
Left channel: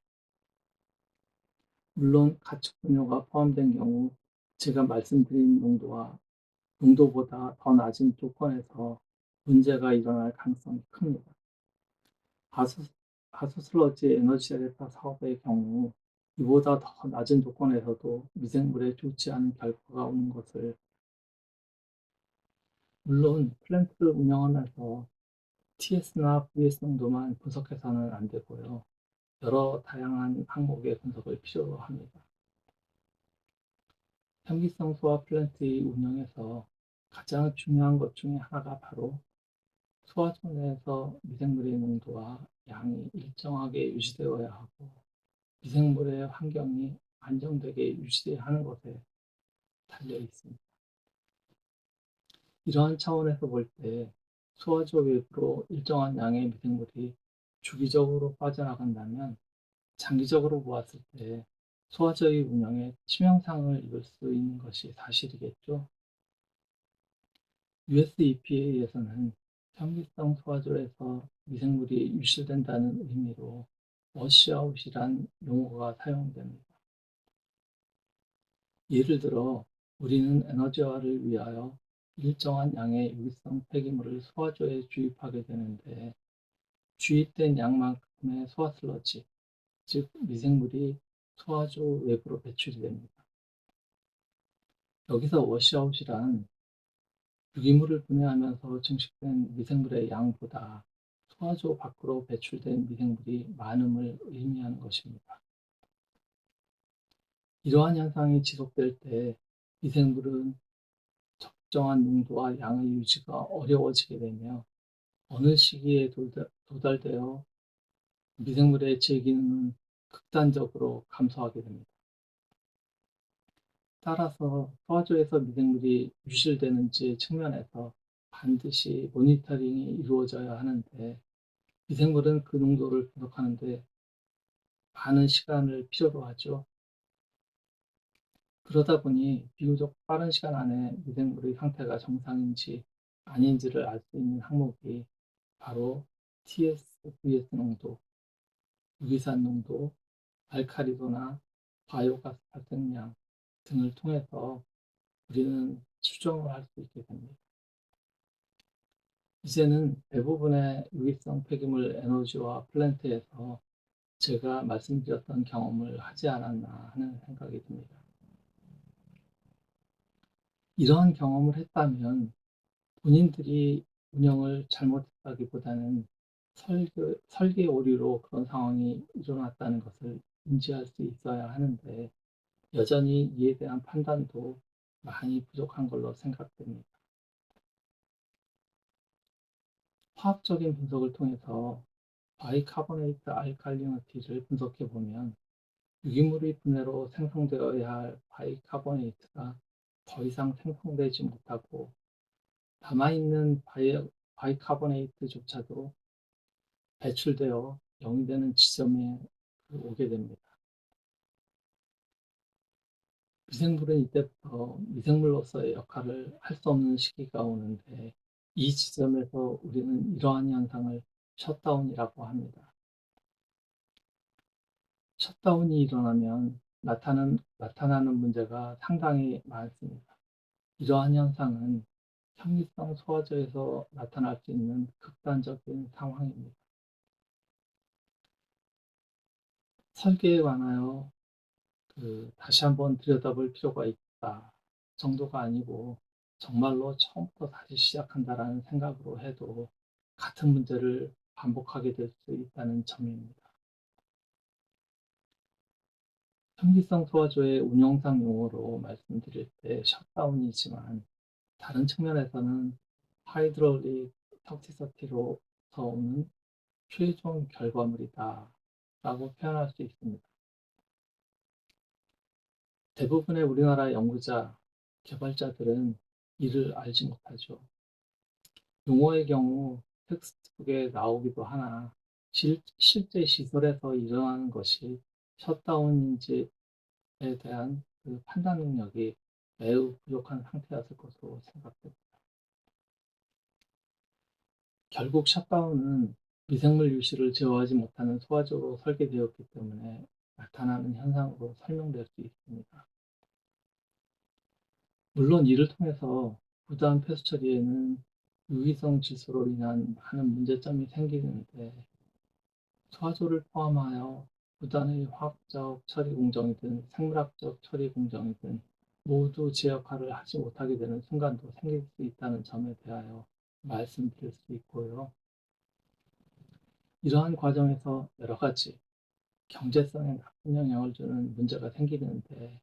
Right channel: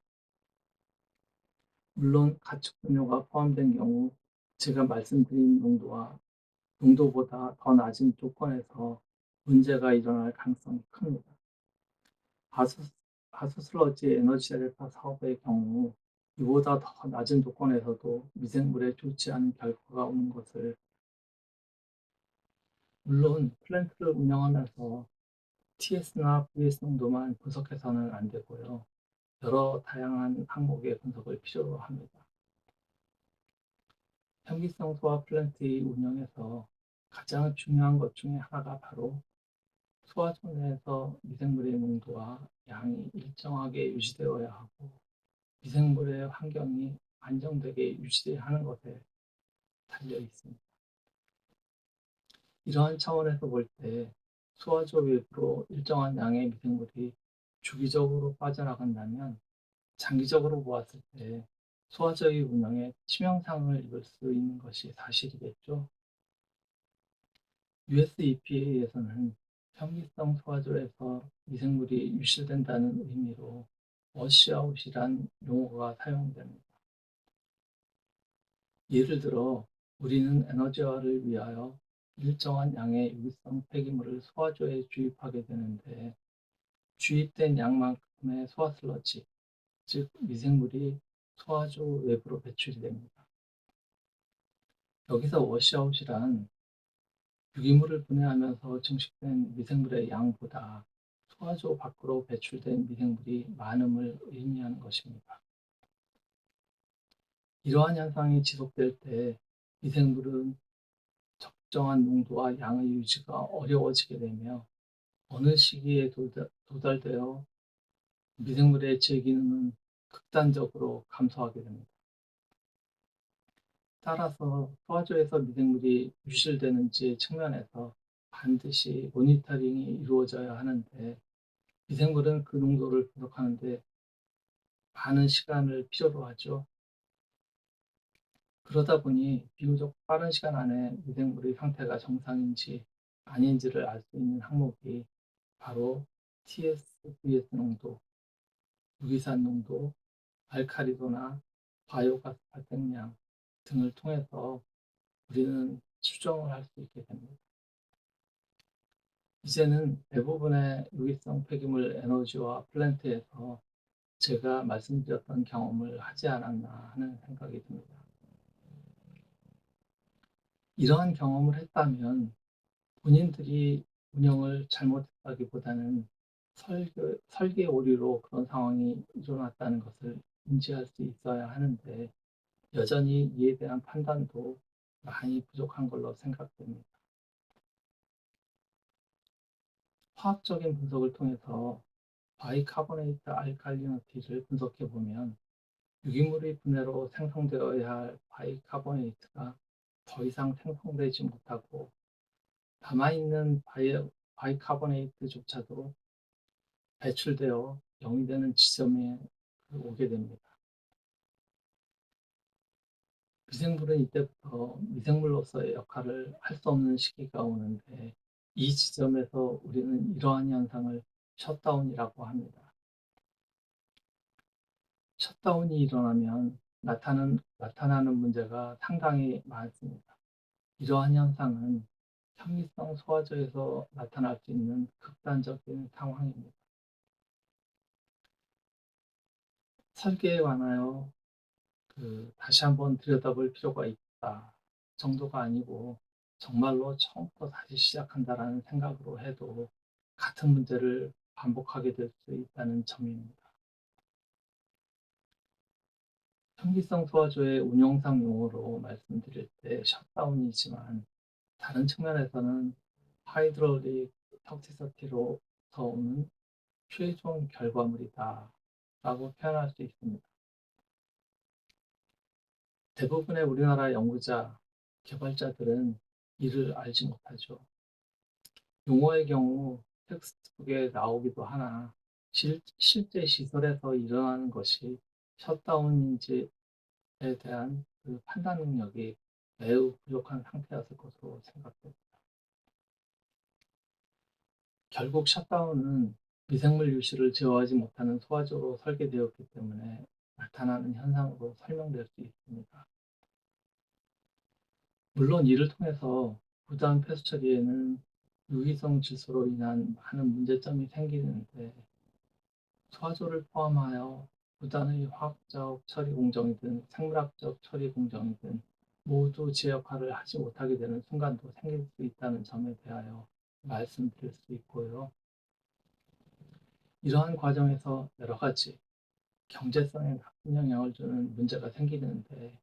물론 가축 분뇨가 포함된 경우 제가 말씀드린 농도보다 더 낮은 조건에서 문제가 일어날 가능성이 큽니다. 하수슬러지 에너지 델타 사업의 경우 이보다 더 낮은 조건에서도 미생물에 좋지 않은 결과가 오는 것을, 물론 플랜트를 운영하면서 TS나 VS 농도만 분석해서는 안 되고요. 여러 다양한 항목의 분석을 필요로 합니다. 현기성 소화 플랜트의 운영에서 가장 중요한 것 중에 하나가 바로 소화조 내에서 미생물의 농도와 양이 일정하게 유지되어야 하고 미생물의 환경이 안정되게 유지해야 하는 것에 달려 있습니다. 이러한 차원에서 볼 때 소화조 외부로 일정한 양의 미생물이 주기적으로 빠져나간다면 장기적으로 보았을 때 소화저의 운영에 치명상을 입을 수 있는 것이 사실이겠죠. US EPA에서는 현기성 소화조에서 미생물이 유실된다는 의미로 워시아웃이란 용어가 사용됩니다. 예를 들어 우리는 에너지화를 위하여 일정한 양의 유기성 폐기물을 소화조에 주입하게 되는데, 주입된 양만큼의 소화슬러지, 즉 미생물이 소화조 외부로 배출이 됩니다. 여기서 워시아웃이란 유기물을 분해하면서 증식된 미생물의 양보다 소화조 밖으로 배출된 미생물이 많음을 의미하는 것입니다. 이러한 현상이 지속될 때 미생물은 적정한 농도와 양의 유지가 어려워지게 되며 어느 시기에 도달되어 미생물의 제 기능은 극단적으로 감소하게 됩니다. 따라서 소화조에서 미생물이 유실되는지 측면에서 반드시 모니터링이 이루어져야 하는데, 미생물은 그 농도를 분석하는 데 많은 시간을 필요로 하죠. 그러다 보니 비교적 빠른 시간 안에 미생물의 상태가 정상인지 아닌지를 알 수 있는 항목이 바로 TS-VS 농도, 유기산 농도, 알카리도나 바이오가스 발생량 등을 통해서 우리는 추정을 할 수 있게 됩니다. 이제는 대부분의 유기성 폐기물 에너지와 플랜트에서 제가 말씀드렸던 경험을 하지 않았나 하는 생각이 듭니다. 이러한 경험을 했다면 본인들이 운영을 잘못했다기보다는 설계 오류로 그런 상황이 일어났다는 것을 인지할 수 있어야 하는데, 여전히 이에 대한 판단도 많이 부족한 걸로 생각됩니다. 화학적인 분석을 통해서 바이카보네이트 알칼리니티를 분석해 보면 유기물의 분해로 생성되어야 할 바이카보네이트가 더 이상 생성되지 못하고, 남아있는 바이카보네이트조차도 배출되어 영이 되는 지점에 오게 됩니다. 미생물은 이때부터 미생물로서의 역할을 할 수 없는 시기가 오는데, 이 지점에서 우리는 이러한 현상을 셧다운이라고 합니다. 셧다운이 일어나면 나타나는 문제가 상당히 많습니다. 이러한 현상은 현미성 소화제에서 나타날 수 있는 극단적인 상황입니다. 설계에 관하여 다시 한번 들여다볼 필요가 있다 정도가 아니고, 정말로 처음부터 다시 시작한다라는 생각으로 해도 같은 문제를 반복하게 될 수 있다는 점입니다. 현기성 소화조의 운용상 용어로 말씀드릴 때 셧다운이지만, 다른 측면에서는 하이드롤릭 턱시서티로서 오는 최종 결과물이다 라고 표현할 수 있습니다. 대부분의 우리나라 연구자, 개발자들은 이를 알지 못하죠. 용어의 경우 텍스트북에 나오기도 하나, 실제 시설에서 일어나는 것이 셧다운인지에 대한 그 판단 능력이 매우 부족한 상태였을 것으로 생각됩니다. 결국 셧다운은 미생물 유실을 제어하지 못하는 소화조로 설계되었기 때문에 나타나는 현상으로 설명될 수 있습니다. 물론 이를 통해서 부단 폐수 처리에는 유기성 질소로 인한 많은 문제점이 생기는데, 소화조를 포함하여 부단의 화학적 처리 공정이든 생물학적 처리 공정이든 모두 제 역할을 하지 못하게 되는 순간도 생길 수 있다는 점에 대하여 말씀드릴 수 있고요. 이러한 과정에서 여러 가지 경제성에 나쁜 영향을 주는 문제가 생기는데,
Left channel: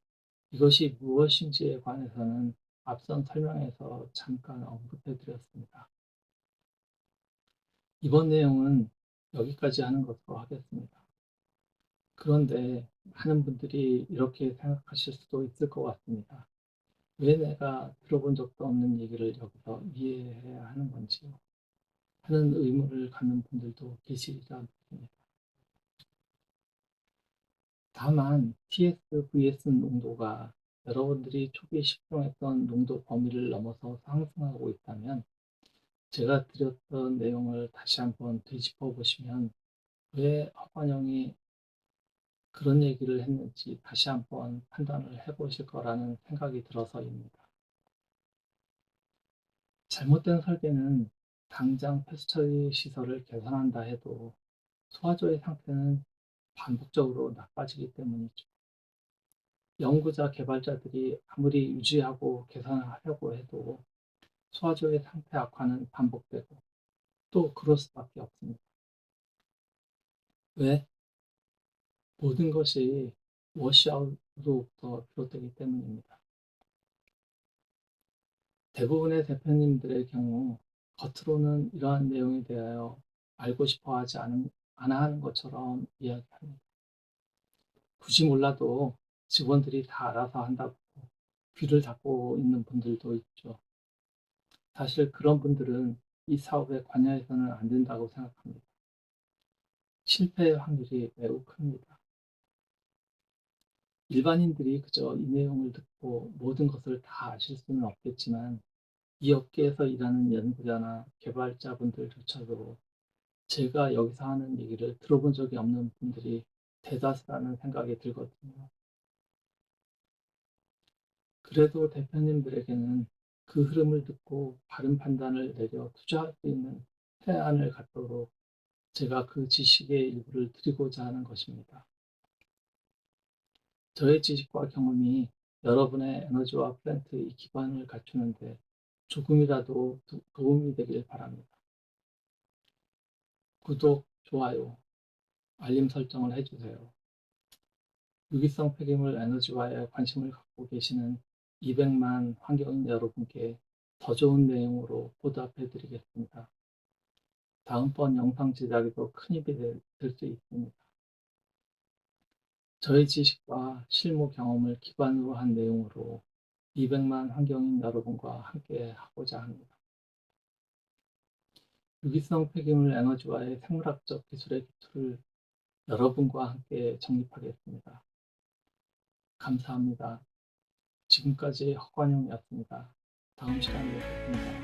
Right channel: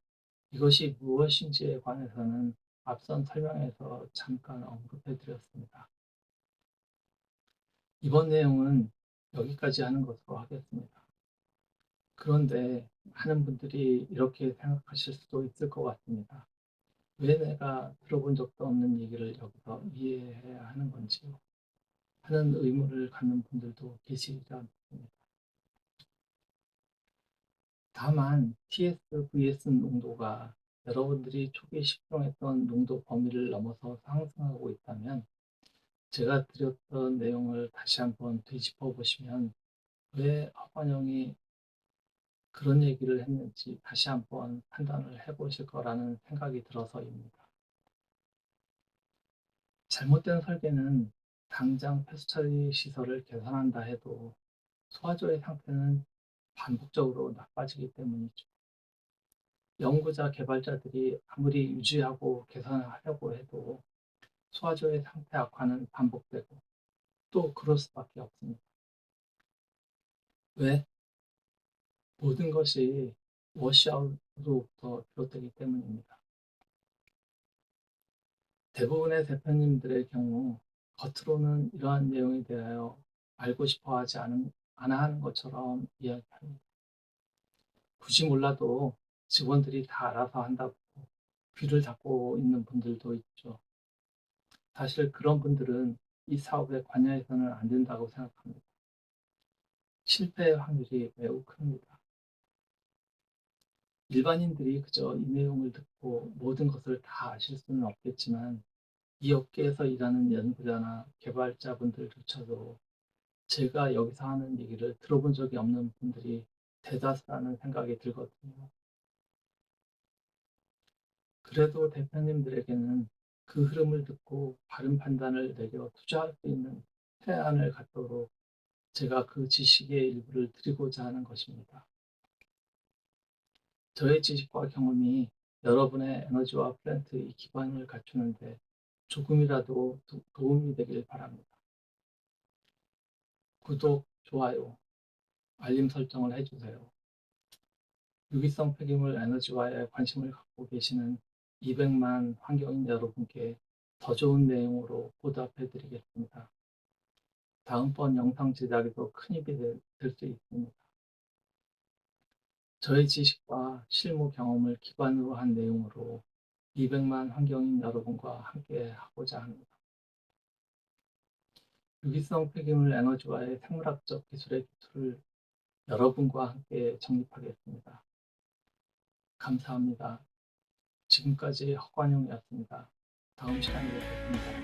이것이 무엇인지에 관해서는 앞선 설명에서 잠깐 언급해 드렸습니다. 이번 내용은 여기까지 하는 것으로 하겠습니다. 그런데 많은 분들이 이렇게 생각하실 수도 있을 것 같습니다. 왜 내가 들어본 적도 없는 얘기를 여기서 이해해야 하는 건지요? 하는 의문을 갖는 분들도 계시리라 믿습니다. 다만 TS, VS 농도가 여러분들이 초기에 식용했던 농도 범위를 넘어서 상승하고 있다면, 제가 드렸던 내용을 다시 한번 되짚어 보시면 왜 허관영이 그런 얘기를 했는지 다시 한번 판단을 해보실 거라는 생각이 들어서입니다. 잘못된 설계는 당장 폐수처리 시설을 개선한다 해도 소화조의 상태는 반복적으로 나빠지기 때문이죠. 연구자, 개발자들이 아무리 유지하고 개선하려고 해도 소화조의 상태 악화는 반복되고 또 그럴 수밖에 없습니다. 왜? 모든 것이 워시아웃으로부터 비롯되기 때문입니다. 대부분의 대표님들의 경우 겉으로는 이러한 내용에 대하여 알고 싶어 하지 않아 하는 것처럼 이야기합니다. 굳이 몰라도 직원들이 다 알아서 한다고 귀를 닫고 있는 분들도 있죠. 사실 그런 분들은 이 사업에 관여해서는 안 된다고 생각합니다. 실패의 확률이 매우 큽니다. 일반인들이 그저 이 내용을 듣고 모든 것을 다 아실 수는 없겠지만 이 업계에서 일하는 연구자나 개발자분들조차도 제가 여기서 하는 얘기를 들어본 적이 없는 분들이 대다수라는 생각이 들거든요. 그래도 대표님들에게는 그 흐름을 듣고 바른 판단을 내려 투자할 수 있는 태안을 갖도록 제가 그 지식의 일부를 드리고자 하는 것입니다. 저의 지식과 경험이 여러분의 에너지와 플랜트의 기반을 갖추는데 조금이라도 도움이 되길 바랍니다. 구독, 좋아요, 알림 설정을 해주세요. 유기성 폐기물 에너지화에 관심을 갖고 계시는 200만 환경인 여러분께 더 좋은 내용으로 보답해 드리겠습니다. 다음번 영상 제작에도 큰 힘이 될 수 있습니다. 저의 지식과 실무 경험을 기반으로 한 내용으로 200만 환경인 여러분과 함께 하고자 합니다. 유기성 폐기물 에너지화의 생물학적 기술의 기초를 여러분과 함께 정립하겠습니다. 감사합니다. 지금까지 헛관용이었습니다. 다음 시간에 뵙겠습니다.